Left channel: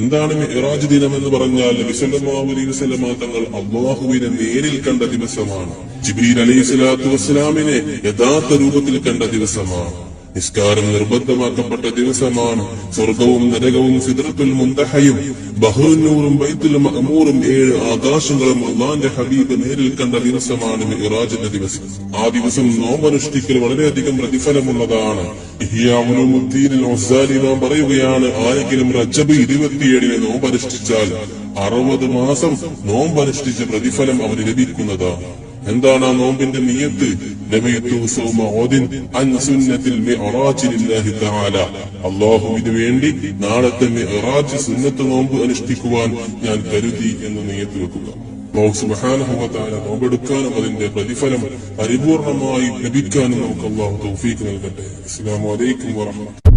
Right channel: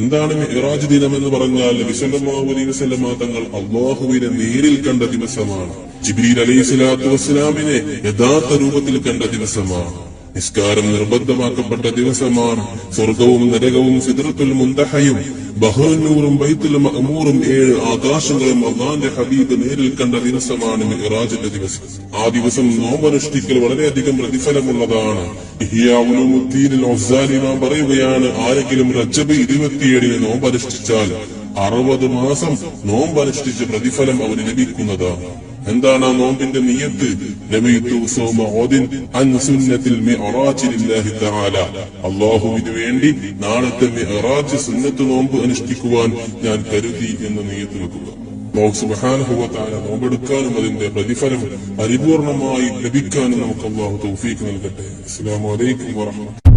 എന്താണ് മിഅ്റാജ് ദിനം എന്ന് പറഞ്ഞാൽ നബി സല്ലല്ലാഹു അലൈഹി വസല്ലം തങ്ങൾ അല്ലാഹുവിനെ നേരിൽ കണ്ട ദിവസമാണ്. ജിബ്രീൽ അലൈഹിസ്സലാത്തു വസ്സലാമിനെ യഥാർത്ഥ രൂപത്തിൽ കണ്ട ദിവസമാണ്. നിസ്കാരം നിർബന്ധമാക്കപ്പെട്ട ദിവസമാണ്. സ്വർഗവും നരകവും സിദ്റത്തുൽ മുൻതഹയും ബഹ്റുന്നൂറും ബൈത്തുൽ മഅമൂറും 7 ആകാശങ്ങളും അല്ലാഹുവിന്റെ ഹബീബ് നേരിൽ കണ്ട ദിവസമാണ് മിഅ്റാജിന്റെ ദിവസം. ആ ദിവസം നോമ്പനുഷ്ഠിക്കൽ വളരെയധികം പ്രതിഫലമുള്ളതാണ്. ഇഹ്യാ ഉലൂമുദ്ദീനിൽ ഗസാലി നാം പറയുകയാണ്, ആരെങ്കിലും റജബ് 27 നോമ്പനുഷ്ഠിച്ചാൽ 60 മാസം നോമ്പനുഷ്ഠിച്ച പ്രതിഫലം അവന് ലഭിക്കുന്നതാണ്. എന്താണ് ആ നോമ്പിന്റെ നിയ്യത്ത്? അല്ലാഹുവിന് വേണ്ടി നാളത്തെ മിഅ്റാജ് സുന്നത്ത് നോമ്പ് അനുഷ്ഠിക്കുവാൻ ഞാൻ കരുതി എന്ന് നിയ്യത്ത് വെക്കുക. അല്ലാഹു സുബ്ഹാനഹു വ തആല നോമ്പെടുക്കാനും അതിന്റെ പ്രതിഫലം പരിപൂർണമായി ലഭിക്കാനും നമുക്ക് അല്ലാഹു തൗഫീഖ് നൽകട്ടെ. അസ്സലാമു അലൈക്കും വറഹ്മത്തുള്ളാഹി.